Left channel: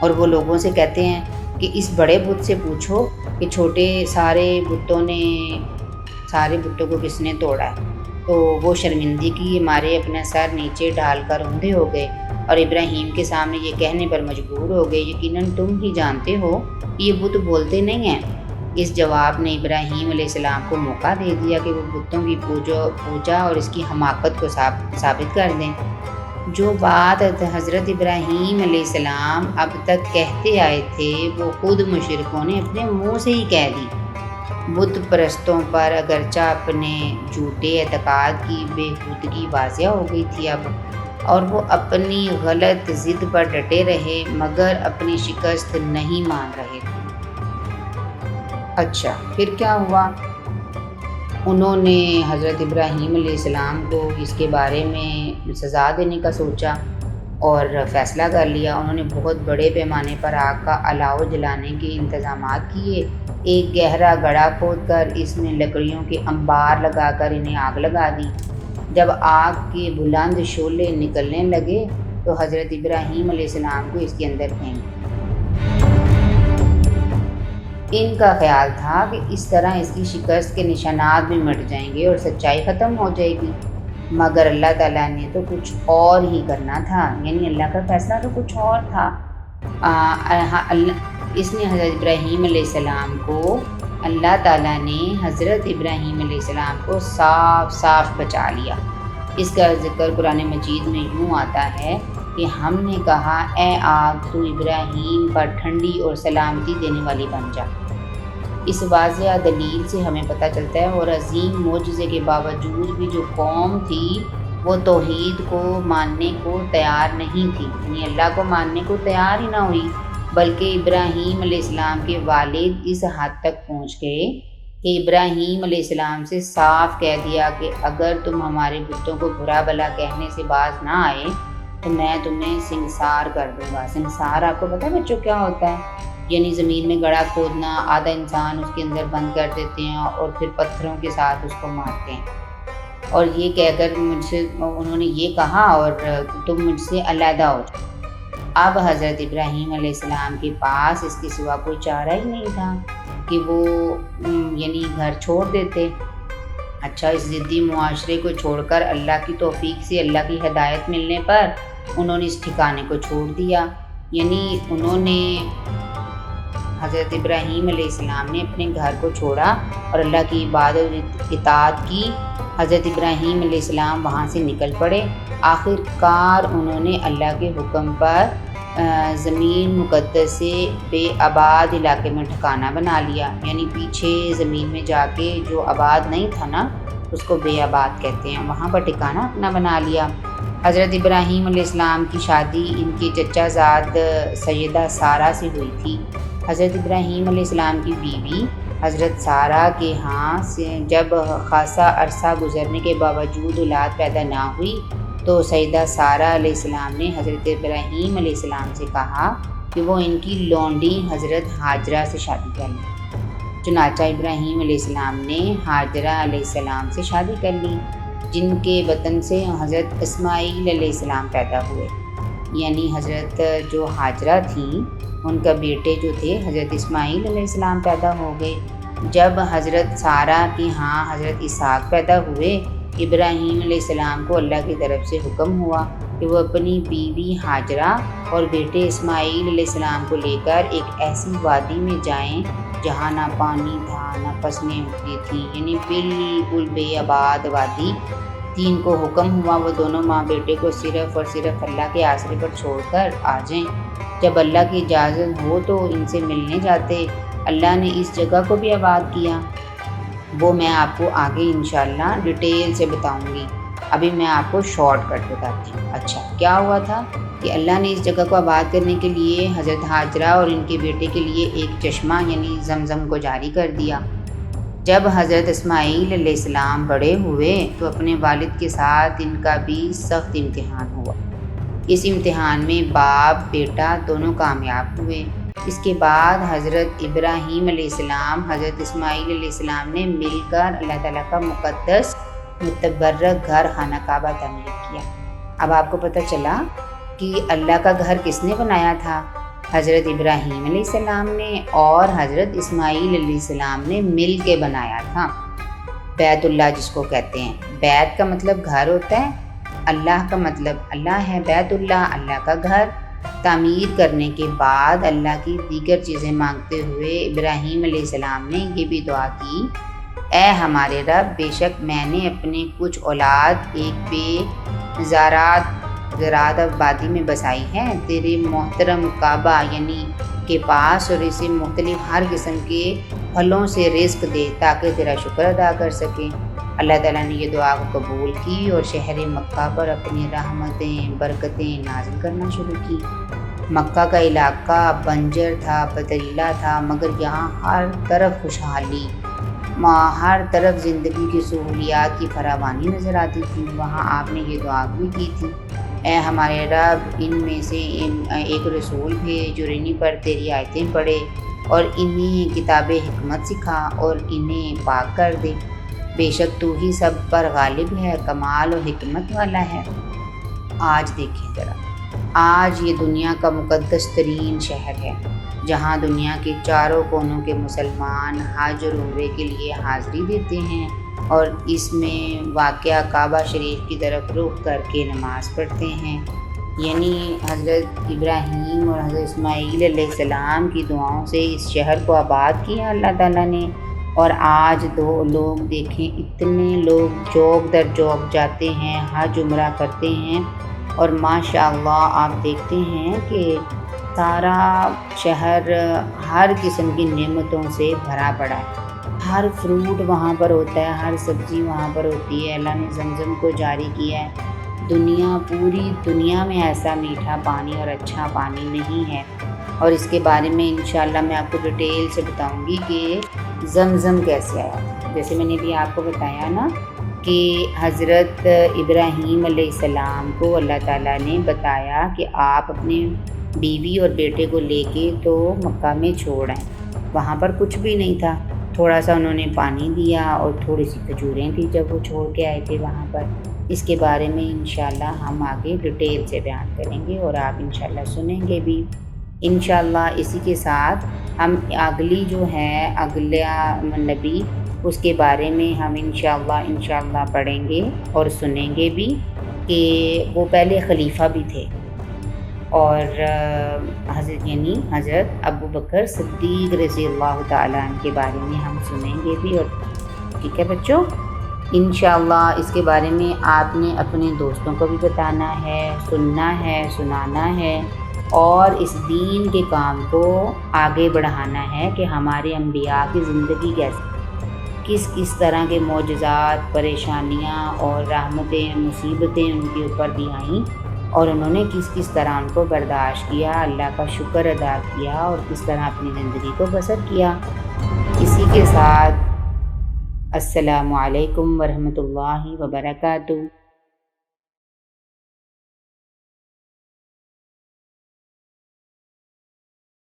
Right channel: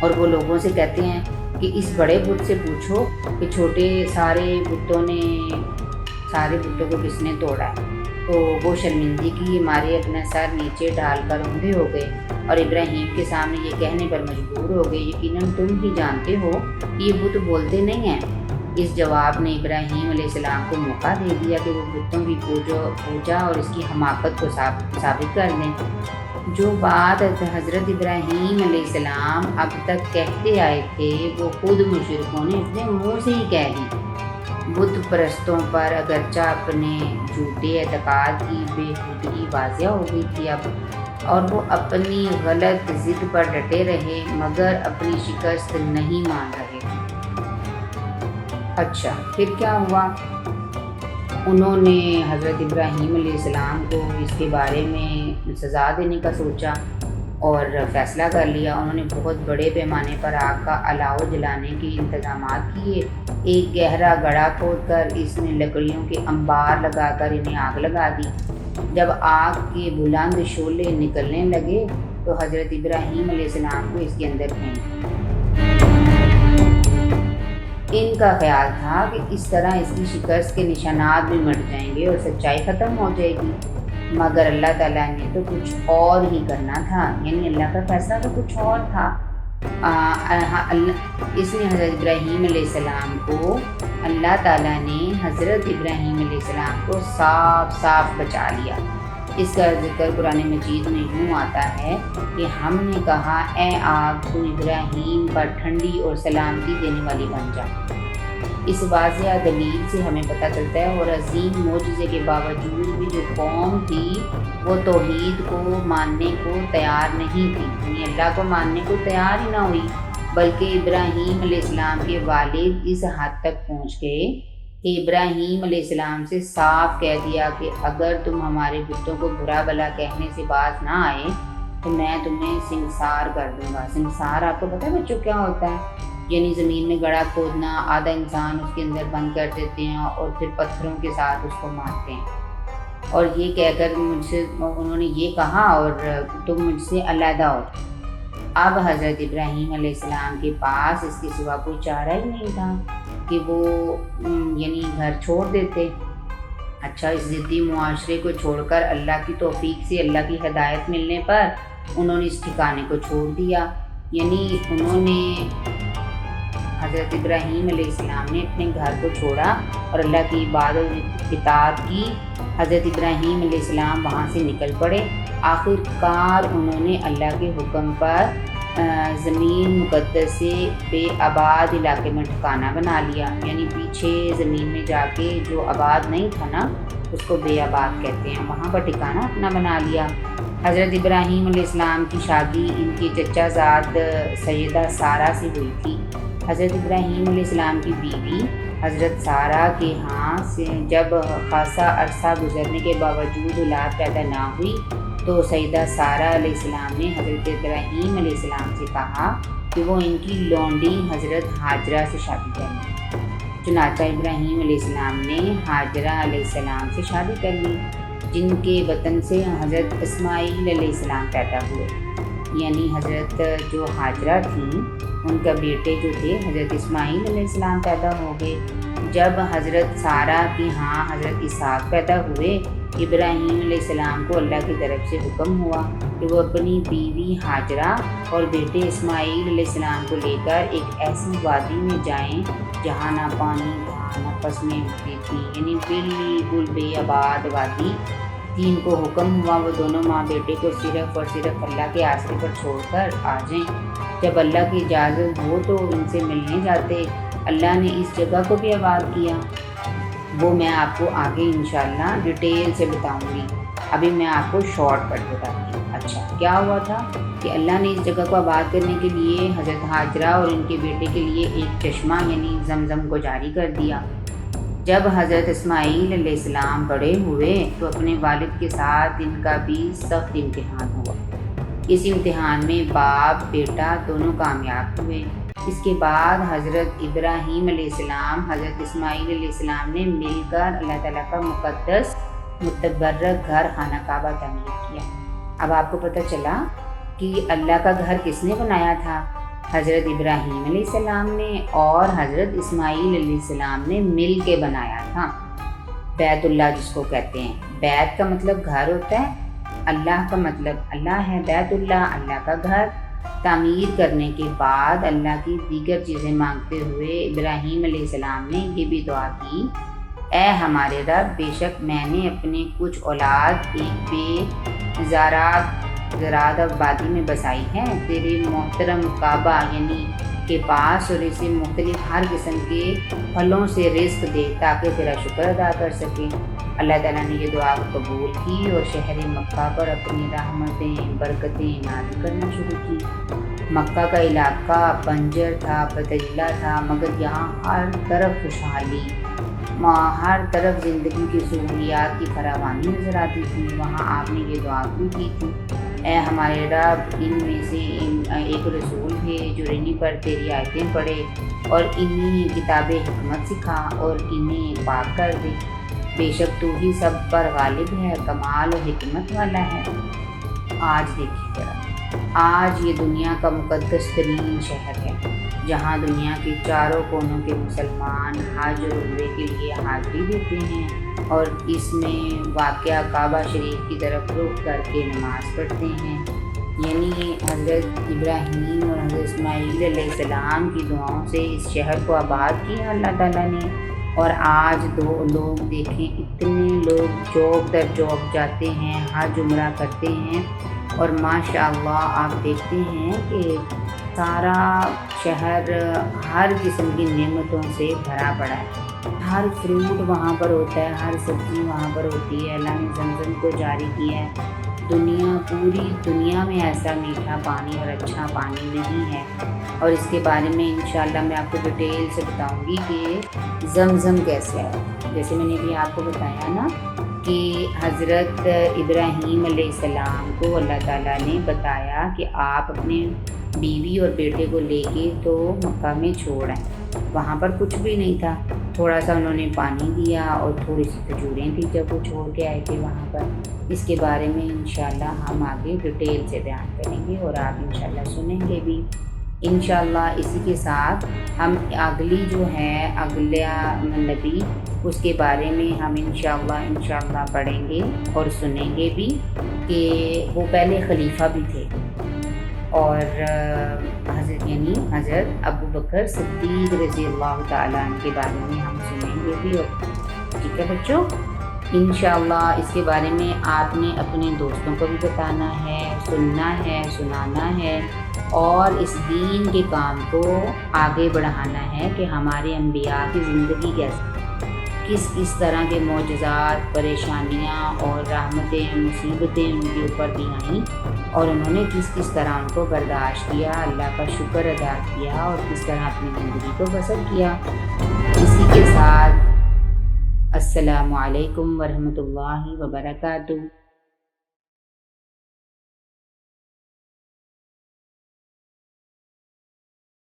اور وہ لوگوں سے کہتے ہیں کہ اس بڑے بت سے پوچھو کہ سارے بتوں کو کس نے توڑا ہے۔ تو وہ شرمندگی کے مارے اپنا سر نیچے ڈال کر اندھے ہو گئے اور ابراہیم کے سامنے یہ کہنے پر مجبور ہو گئے، یقیناً تم ہی جانتے ہو کہ یہ بت بولتے نہیں ہیں۔ اس جواب نے ابراہیم علیہ السلام کو موقع دے دیا کہ وہ بتوں کی پوجا اور اس کی حماقت کو ثابت کر دیں۔ جو بات حضرت ابراہیم علیہ السلام اب تک کہتے آئے تھے وہ خود مشرکوں نے اپنے منہ سے ہی کہہ دی۔ بت پرستوں پر اگرچہ اپنے جھوٹے اعتقاد کی بےہودگی واضح ہو گئی تھی اب، اور وہ اپنی غلط ضد پر ڈٹے رہے مگر اپنی شکست نہیں مان رہے تھے۔ اچھا پھر کیا ہوا؟ انہوں نے حضرت ابراہیم علیہ السلام کو اس کے بارے میں سزا دینے کا سوچا اور فیصلہ کر لیا۔ انہوں نے بہت بڑے پیمانے پر آگ کا الاؤ جلانے کے انتظامات کیے۔ ایک گہرا گڑھا کھود کر اس میں لکڑیوں کے انبار لگا کر انہیں آگ لگا دی۔ جب آگ کے بلند شعلے نکلنے لگے تو حضرت ابراہیم علیہ السلام کو اس کے اندر پھینک دیا۔ ان کا خیال تھا کہ اس طرح اس کی شکست کے نشانات بھی مٹ جائیں گے اور سچائی ختم ہو جائے گی، مگر اللہ تعالیٰ نے تو کچھ اور ہی کرنا تھا، یعنی اللہ کا فیصلہ تو کچھ اور تھا۔ اس نے حضرت ابراہیم علیہ السلام کو اللہ تعالیٰ نے حضرت ابراہیم علیہ السلام کو صاف صاف بچا لیا۔ اس کا ذکر قرآن مجید میں یوں آتا ہے کہ ہم نے کہا اے آگ تو ابراہیم پر ٹھنڈی اور سلامتی دینے والی بن جا۔ اس واضح دلیل سے ہمیں پتہ چلتا ہے اور عظیم معجزے کے باوجود بھی جو قوم تھی وہ توحید کو ماننے کو تیار نہیں تھی، یعنی اللہ کو ماننے کو تیار ہی نہ ہوئی، بلکہ ابراہیم علیہ السلام کے والد اس حد تک پہنچ گئے کہ ابراہیم علیہ السلام سے صاف کہہ دیا کہ اگر تم ہمارے بتوں کو برا بھلا کہنے سے باز نہ آئے تو میں تمہیں سنسار کر دوں گا۔ سنسار آپ کو پتہ ہے بچوں کیا ہوتا ہے؟ یعنی زمین میں گڑھا کھودنا، آدھا انسان اس کے اندر بند کر دیتے ہیں اور پھر پتھروں کے ساتھ اس کو مارتے ہیں، اور یہ کہہ کر انہوں نے یہ کہا اور تم مجھ سے علیحدہ ہو۔ اب حضرت ابراہیم علیہ السلام کے پاس اس کے سوا کوئی چارہ ہی نہیں تھا کہ وہ یعنی گھر چھوڑ دیتے۔ اچھا اس ضدی معاشرے کو چھوڑ کر اللہ کی توفیق سے اللہ کی ہدایت ملنے پر انہوں نے اس ٹھکانے کو چھوڑ دیا، یعنی انہوں نے حضرت ابراہیم علیہ السلام نے اپنے گھر کو چھوڑا اور اللہ کی عبادت و اطاعت کی۔ حضرت ابراہیم علیہ السلام وہاں سے نکل پڑے۔ آخر کار انہوں نے اللہ کے حکم پر زمین مقدس سے بے آباد علاقے میں ٹھکانہ بنا لیا، یعنی پیچھے زمین میں جا کے جو آباد نہیں تھا نا اس کو بے آباد کہتے ہیں، وہاں پر ٹھکانہ اپنا بنا لیا۔ حضرت ابراہیم علیہ السلام کی شادی ان کے چچا زاد سیدہ سارہ سے ہوئی تھی۔ حضرت ابراہیم علیہ السلام کی بیوی حضرت سارہ کے ہاں سے جب خاصا عرصہ گزرنے کے باوجود اولاد پیدا نہ ہوئی تو سیدہ سارہ علیہ السلام نے حضرت ابراہیم علیہ السلام سے کہا کہ وہ ان کی لونڈی حضرت ہاجرہ سے شادی کر لیں۔ چنانچہ ابراہیم علیہ السلام نے ہاجرہ علیہ السلام سے شادی کر لی، جن کے وطن سے حضرت اسماعیل علیہ السلام پیدا ہوئے، یعنی حضرت جو ہاجرہ تھیں ان کا بیٹے جو تھے حضرت اسماعیل علیہ السلام پیدا ہو گئے۔ جب حضرت سارہ کی ہاں حضرت اسحاق پیدا ہوئے، ابراہیم علیہ السلام کو اللہ کی طرف سے حکم ہوا کہ وہ اپنی بیوی ہاجرہ اور بیٹے اسماعیل علیہ السلام کو لے کر ایک ایسی وادی میں جائیں جہاں نہ پانی تھا نہ فصلیں اگتی تھیں، یعنی بالکل بے آباد وادی تھی۔ ان کو حکم ہوا وہ دونوں ماں بیٹے کو صرف اور صرف اللہ کے آسرے پر چھوڑ کر آ جائیں۔ جب اللہ کی اجازت ہو تو ان سے ملنے جاتے۔ اللہ نے اس جگہ کو بھی آباد کیا، وہ میں آپ کو آگے انشاءاللہ ڈیٹیل سے بتاؤں گی، ابھی میں آپ کو شارٹ کٹ بتاتی ہوں۔ اچھا کیا ہوا تھا کہ اللہ نے اس جگہ کو آباد کرنے کے لیے حضرت ہاجرہ اور ان کے بیٹے کے لیے ایک چشمہ یعنی زمزم کو جاری کر دیا۔ جب حضرت اسماعیل علیہ السلام بڑے ہوئے تو اپنے والد کے ساتھ ان کا بھی سخت امتحان ہوا۔ اس امتحان میں باپ بیٹا دونوں کامیاب ہوئے۔ اس کے بعد حضرت ابراہیم علیہ السلام حضرت اسماعیل علیہ السلام نے مل کر اللہ تعالیٰ کا مقدس متبرک گھر خانہ کعبہ تعمیر کیا۔ اب آپ کو پتہ چلا کہ اللہ کا گھر کس نے بنایا تھا؟ حضرت ابراہیم علیہ السلام نے اور حضرت اسماعیل علیہ السلام نے مل کے بنایا تھا۔ بیت اللہ جس کو کہتے ہیں، بیت کا مطلب گھر ہوتا ہے، اللہ کا مطلب اللہ ہے، بیت اللہ اللہ کا گھر۔ تعمیر کرنے کے بعد اللہ کی دیگر چیزیں مانگتے ہوئے ابراہیم علیہ السلام نے یہ بھی دعا کی، اے ہمارے رب، بے شک میں نے اپنے کچھ اولاد ایک بے زراعت آبادی میں بسائی ہے، تیرے محترم کعبہ یعنی کے پاس، اور اسے مختلف ہر قسم کے پھلوں سے رزق دے تاکہ تیرا شکر ادا کر سکے۔ اللہ تعالیٰ نے یہ دعا قبول کی اور شہر مکہ پر اپنی رحمتیں برکتیں نازل کرنا شروع کی۔ مکہ کا علاقہ بنجر تھا، پتھریلا تھا، مگر یہاں ہر طرف خوشحالی، ہر طرف زندگی کی سہولیات کی فراوانی نظر آتی تھی۔ وہاں آپ نے یہ دعا بھی کی تھی، اے ہمارے رب، ان میں سے ایک رسول بھیج جو انہیں پر تیری آیتیں پڑھے اور انہیں کتاب حکمت سکھا اور انہیں پاک کر دے۔ بے شک تو ہی سب پر غالب ہے، کمال و حکمت والا ہے۔ آج دیکھیں ذرا، آج یہ دنیا کا مقدس ترین شہر ہے، جہاں دنیا کے چاروں کونوں کے مسلمان حج اور عمرے کے لیے حاضری دیتے ہیں اور اس میں واقعہ کعبہ شریف کی طرف رخ کر کے نماز پڑھتے ہیں۔ یعنی حضرت ابراہیم اور حضرت اسماعیل علیہ السلام کی دعاؤں سے اس شہر کو آباد کیا اللہ تعالیٰ نے۔ اور آج دو لوگ دیکھیں، اتنے لوگ چوک در چوک جاتے ہیں، حج عمرہ کرتے ہیں، اور ماشاء اللہ آپ دیکھتے ہیں کہ سارا شہر ہر قسم کی نعمتوں سے بھرا پڑا ہے۔ ہر فروٹ وہاں پر ہوتا ہے، ہر سبزی وہاں پر ہوتی ہے۔ اللہ نے زمزم کو جاری کیا ہے۔ پوری دنیا میں ایسا میٹھا پانی اور اچھا پانی نہیں ہے، اور اس کے بارے میں انشاءاللہ میں آپ کو ڈیٹیل سے بتاؤں گی کہ زمزم کیسے ہے۔ جیسے میں نے بھی آپ کو بتایا نا کہ حضرت ابراہیم علیہ السلام کو اللہ تعالیٰ نے بتایا کہ آپ اپنے بیوی اور بیٹے کو لے کے تو مکہ میں چھوڑ آئیں۔ وہاں پر کچھ بھی نہیں تھا، تھوڑا سا انہوں نے پانی دیا اور تھوڑی سی کھجوریں تھیں جب وہ چھوڑ کے آئے تھے وہاں پر۔ اس کے بارے میں انشاءاللہ ہم آگے ڈیٹیل سے بیان کریں گے اور آپ انشاءاللہ سنیں گے بھی انشاءاللہ۔ اسی کے ساتھ ہم اگلی جو ہے اگلا نبی، اس کے بارے میں ہم انشاءاللہ پڑھیں گے اور سنیں گے بھی کہ وہ پہلے خلیفہ بھی تھے، اور حضرت ابو بکر صدیق رضی اللہ تعالیٰ عنہ کے بارے میں ہم سنیں گے بھی۔ اور ٹھیک ہے بچوں، انشاءاللہ اس کے بارے میں آپ نے اپنے دوستوں کو بھی بتانا ہے، سننا ہے، سنانا ہے، اور اس دین کے کام کو آگے بڑھانا ہے کہ ہمارے انبیاء کی زندگی کس طرح کے معجزات، پریشانیاں اور رحمتیں، مصیبتیں ان کے اوپر بھی آئیں، اور انہوں نے کس طرح ان کو برداشت کیا، اللہ کا شکر ادا کیا، اور کس طرح اپنی زندگی کو بسر کیا۔ اسی کے ساتھ السلام علیکم ورحمۃ اللہ وبرکاتہ۔